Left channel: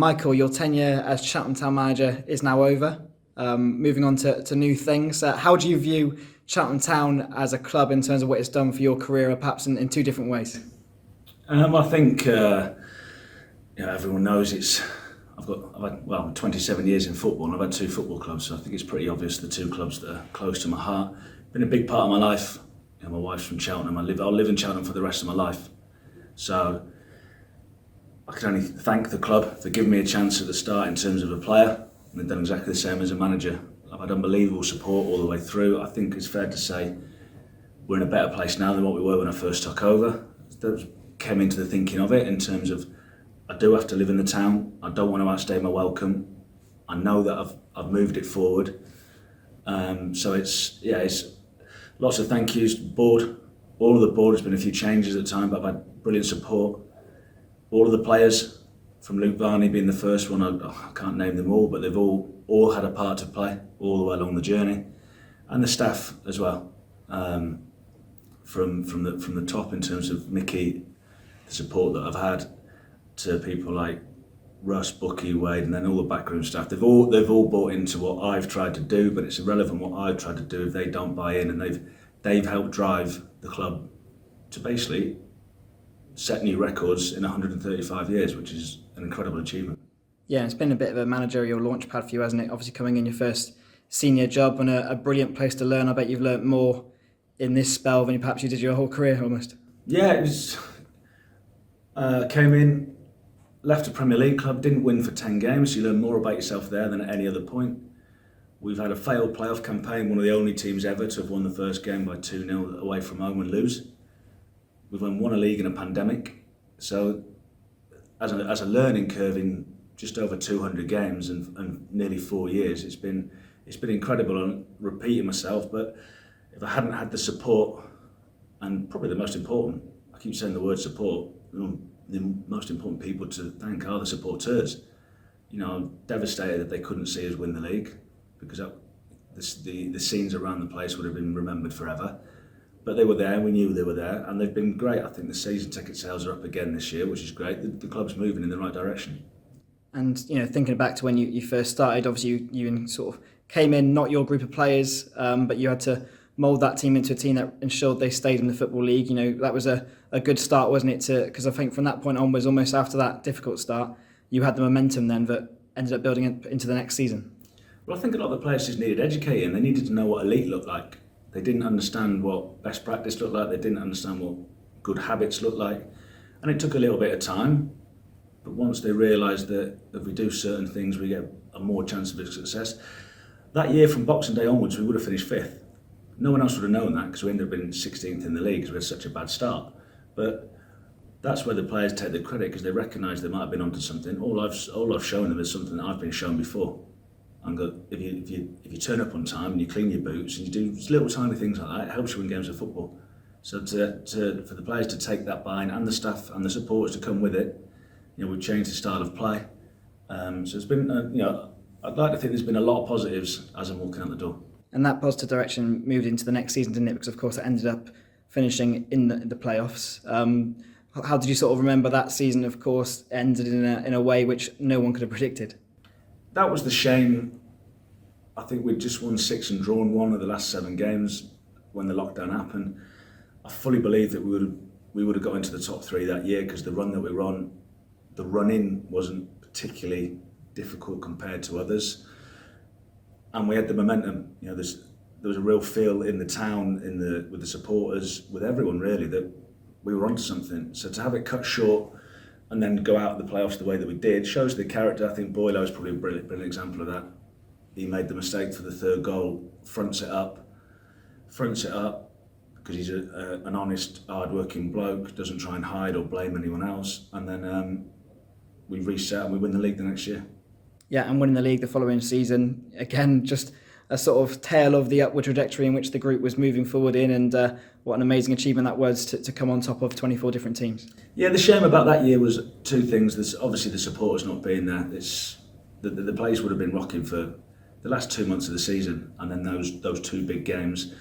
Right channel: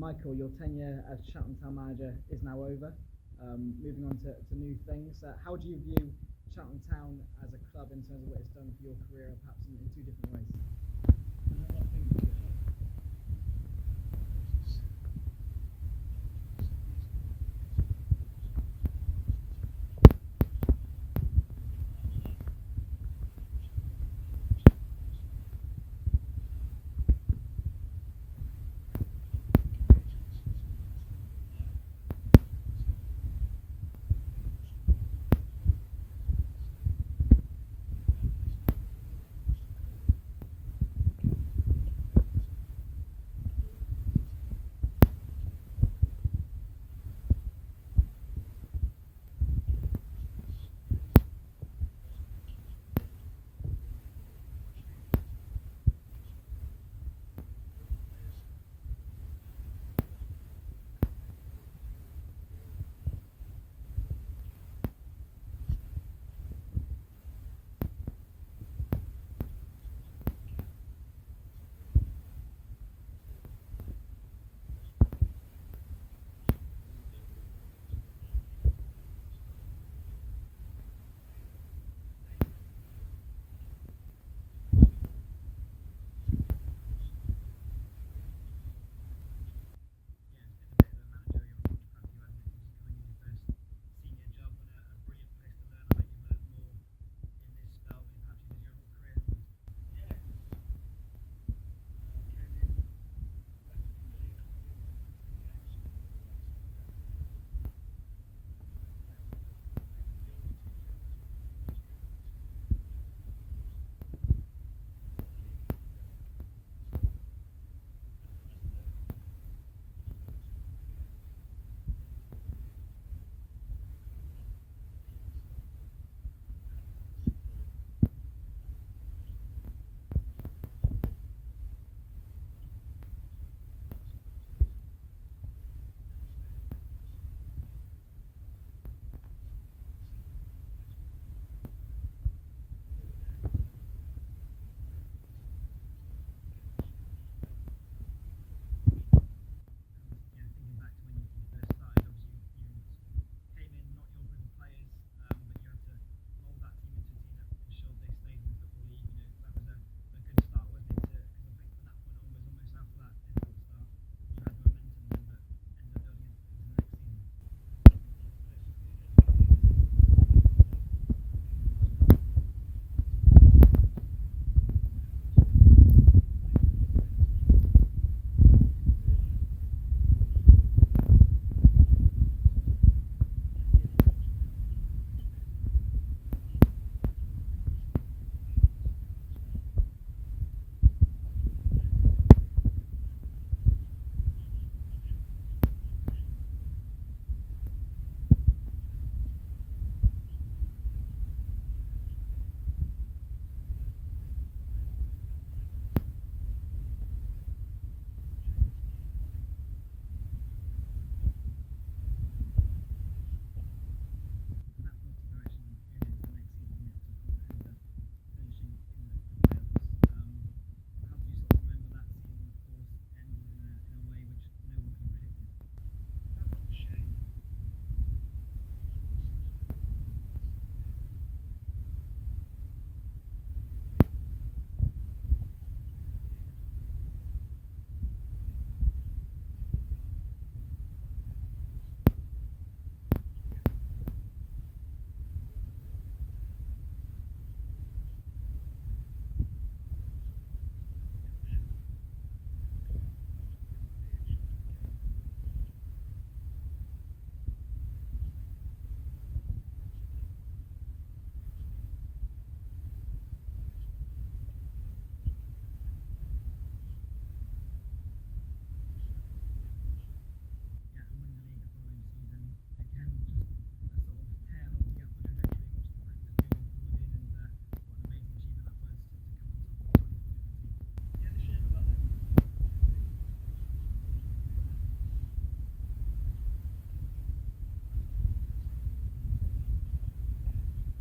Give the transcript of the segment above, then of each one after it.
Michael, your tenure as Cheltenham Town manager is now over. Moving on to new things. How do you view Cheltenham Town as a club in terms of what it's done for your career, perhaps in two different ways? I think everyone knows I've had 27 years in football and I've had two football clubs, so I think it's pretty obvious the two clubs that are close to my heart. Been a big part of my life. My wife's from Cheltenham. I'll live in Cheltenham for the rest of my life. So I can only thank the club for giving me a chance at the start in terms of a player, and they've done exactly the same as a manager. I've had unbelievable support all the way through. I think it's fair to say we're in a better place now than what we were when I first took over. That came into the thinking of it in terms of I do have to live in the town. I don't want to outstay my welcome. I know that I've moved it forward. So it's lots of thank yous to the board. All of the board, has been a few changes at the time, but I've had brilliant support. All of the players, from Luke Varney being the first one, I can't name them all, but they've all had a part to play all the way along the journey, and the staff as well. From the top in terms of Mickey, the support that I've had, to people like Russ, Bucky, Wade, and then all the backroom staff. They've all bought into what I've tried to do, but it's irrelevant what I've tried to do if they don't buy in, and they've helped drive the club to basically set new records in 135 years, which is an incredible achievement. Yeah, it's been a bit of a managerial launchpad for you, hasn't it? Obviously coming in your first senior job and a brilliant place to learn. I bet you've learnt more in this spell than perhaps you did your whole career almost. Yeah, it was. Came in, left a Premier League club, didn't win for 10 games, so you learn more about yourself there than at any other point. We've had a failed playoff campaign, one of the only teams ever to have won the first game by 2-0 away from home and lose. We've won a league in a pandemic, so as a learning curve in just over 200 games and nearly 4 years, it's been incredible. I'm repeating myself, but if I hadn't had the support, and probably the most important, I keep saying the word support, the most important people to thank are the supporters. I'm devastated that they couldn't see us win the league, because the scenes around the place would have been remembered forever. But they were there, we knew they were there, and they've been great. I think the season ticket sales are up again this year, which is great. The club's moving in the right direction. And thinking back to when you first started, obviously you sort of came in, not your group of players, but you had to mould that team into a team that ensured they stayed in the Football League. That was a good start, wasn't it? Because I think from that point onwards, almost after that difficult start, you had the momentum then that ended up building into the next season. Well, I think a lot of the players just needed educating. They needed to know what elite looked like. They didn't understand what best practice looked like. They didn't understand what good habits looked like. And it took a little bit of time. But once they realised that if we do certain things, we get a more chance of success. That year from Boxing Day onwards, we would have finished 5th. No one else would have known that, because we ended up being 16th in the league because we had such a bad start. But that's where the players take the credit, because they recognise they might have been onto something. All I've shown them is something that I've been shown before. And if you turn up on time and you clean your boots and you do little tiny things like that, it helps you win games of football. So for the players to take that buy-in, and the staff and the supporters to come with it, we've changed the style of play. So it's been, I'd like to think there's been a lot of positives as I'm walking out the door. And that positive direction moved into the next season, didn't it? Because of course it ended up finishing in the playoffs. How did you sort of remember that season? Of course, ended in a way which no one could have predicted. That was the shame. I think we'd just won 6 and drawn 1 of the last 7 games when the lockdown happened. I fully believe that we would have got into the top 3 that year, because the run that we were on, the run-in wasn't particularly difficult compared to others. And we had the momentum. There was a real feel in the town, with the supporters, with everyone really, that we were onto something. So to have it cut short and then go out of the playoffs the way that we did shows the character. I think Boylo is probably a brilliant example of that. He made the mistake for the 3rd goal, fronts it up, because he's an honest, hard-working bloke, doesn't try and hide or blame anyone else, and then we reset and we win the league the next year. Yeah, and winning the league the following season, again, just a sort of tale of the upward trajectory in which the group was moving forward in, and what an amazing achievement that was to come on top of 24 different teams. Yeah, the shame about that year was 2 things. There's obviously the supporters not being there. The place would have been rocking for the last 2 months of the season, and then those 2 big games.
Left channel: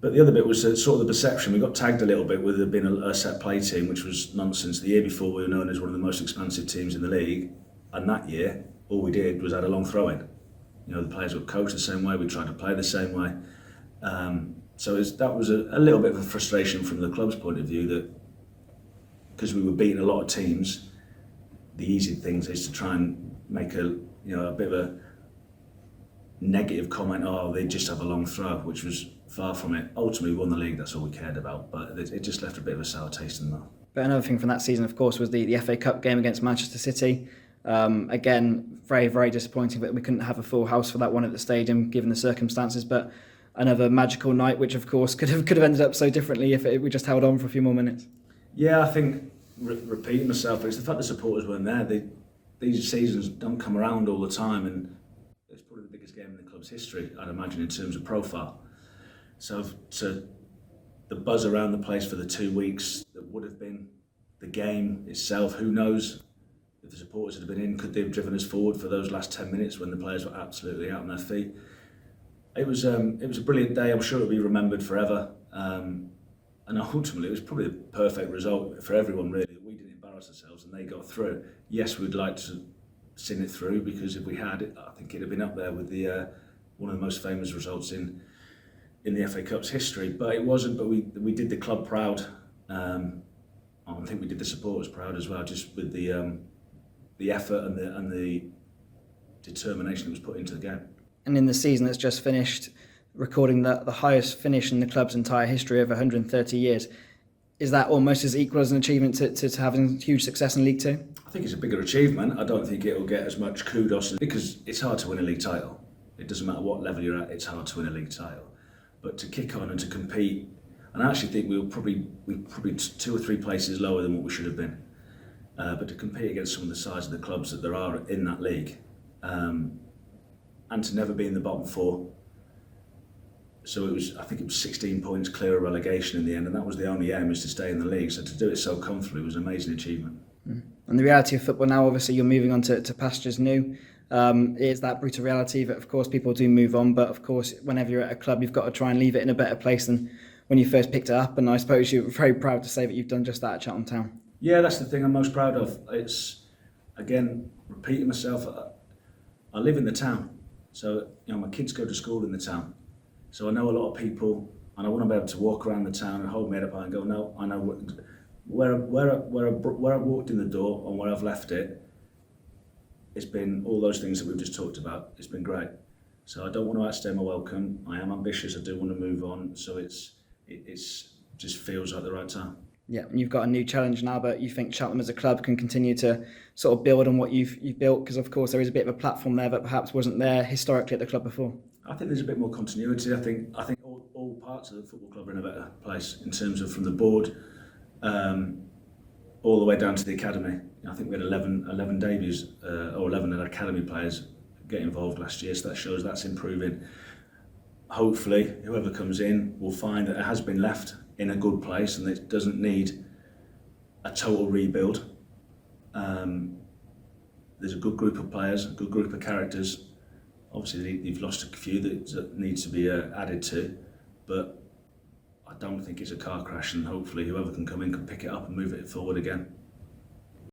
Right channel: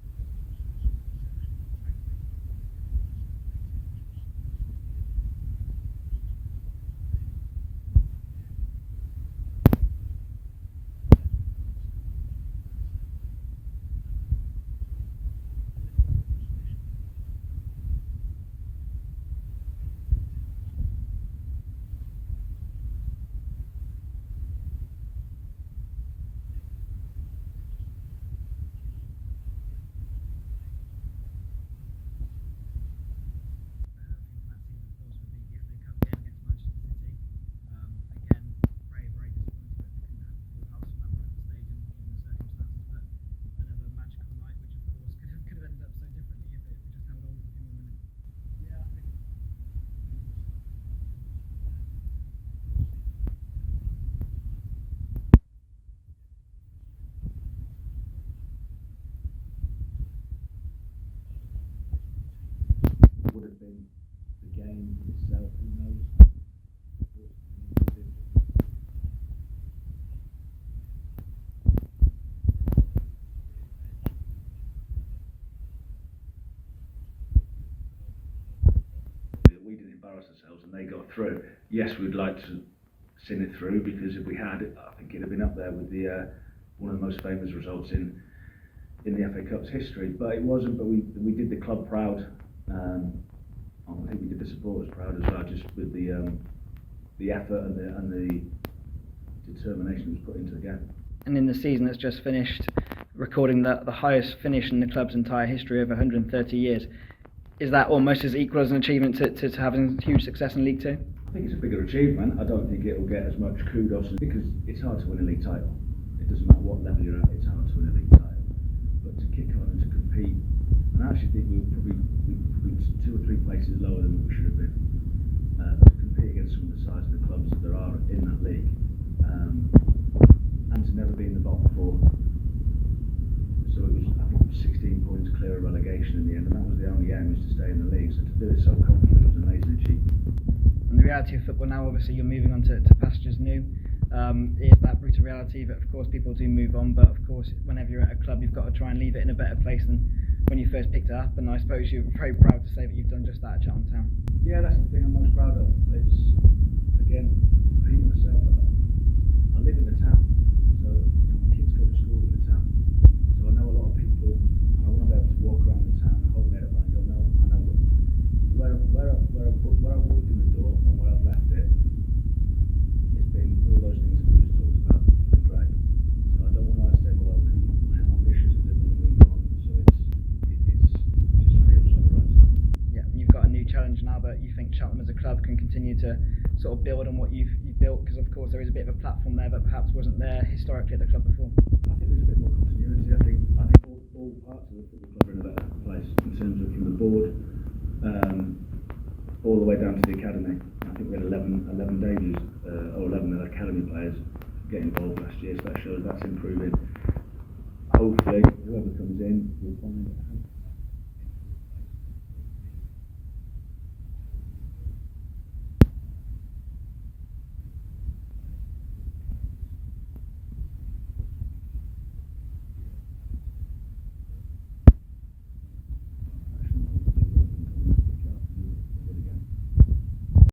But the other bit was sort of the perception. We got tagged a little bit with there being a set play team, which was nonsense. The year before, we were known as one of the most expansive teams in the league, and that year, all we did was add a long throw-in. You know, the players were coached the same way. We tried to play the same way. So that was a little bit of a frustration from the club's point of view, that because we were beating a lot of teams, the easy things is to try and make a bit of a negative comment. Oh, they just have a long throw, which was far from it. Ultimately, we won the league. That's all we cared about. But it just left a bit of a sour taste in that. But another thing from that season, of course, was the FA Cup game against Manchester City. Again, very, very disappointing that we couldn't have a full house for that one at the stadium, given the circumstances. But another magical night, which of course could have ended up so differently if we just held on for a few more minutes. Yeah, I think repeating myself, it's the fact the supporters weren't there. These seasons don't come around all the time, and it's probably the biggest game in the club's history, I'd imagine, in terms of profile. So the buzz around the place for the 2 weeks that would have been the game itself, who knows if the supporters had been in, could they have driven us forward for those last 10 minutes when the players were absolutely out on their feet. It was a brilliant day. I'm sure it'll be remembered forever. And ultimately, it was probably the perfect result for everyone, really. We didn't embarrass ourselves and they got through. Yes, we'd like to sing it through, because if we had, I think it'd have been up there with the one of the most famous results in the FA Cup's history. But it wasn't. But we did the club proud. I think we did the supporters proud as well, just with the effort and the determination that was put into the game. And in the season that's just finished, recording the highest finish in the club's entire history of 130 years, is that almost as equal as an achievement to having huge success in League Two? I think it's a bigger achievement. I don't think it'll get as much kudos, because it's hard to win a league title. It doesn't matter what level you're at, it's hard to win a league title. But to kick on and to compete, and I actually think we're probably 2 or 3 places lower than what we should have been. But to compete against some of the size of the clubs that there are in that league, and to never be in the bottom 4. So I think it was 16 points clear of relegation in the end, and that was the only aim, is to stay in the league. So to do it so comfortably was an amazing achievement. And the reality of football now, obviously you're moving on to pastures new. Is that brutal reality that of course people do move on, but of course whenever you're at a club you've got to try and leave it in a better place than when you first picked it up, and I suppose you're very proud to say that you've done just that at Cheltenham Town. Yeah, that's the thing I'm most proud of. It's, again, repeating myself, I live in the town, so my kids go to school in the town. So I know a lot of people, and I want to be able to walk around the town and hold my head up high and go, no, I know where I've walked in the door and where I've left it. It's been all those things that we've just talked about. It's been great. So I don't want to outstay my welcome. I am ambitious. I do want to move on. So it just feels like the right time. Yeah, and you've got a new challenge now, but you think Cheltenham as a club can continue to sort of build on what you've built, because of course there is a bit of a platform there that perhaps wasn't there historically at the club before. I think there's a bit more continuity. I think all parts of the football club are in a better place, in terms of from the board all the way down to the academy. I think we had 11 debuts or 11 academy players get involved last year, so that shows that's improving. Hopefully whoever comes in will find that it has been left in a good place and it doesn't need a total rebuild. There's a good group of players, a good group of characters. Obviously you've lost a few that needs to be added to, but I don't think it's a car crash, and hopefully whoever can come in can pick it up and move it forward again.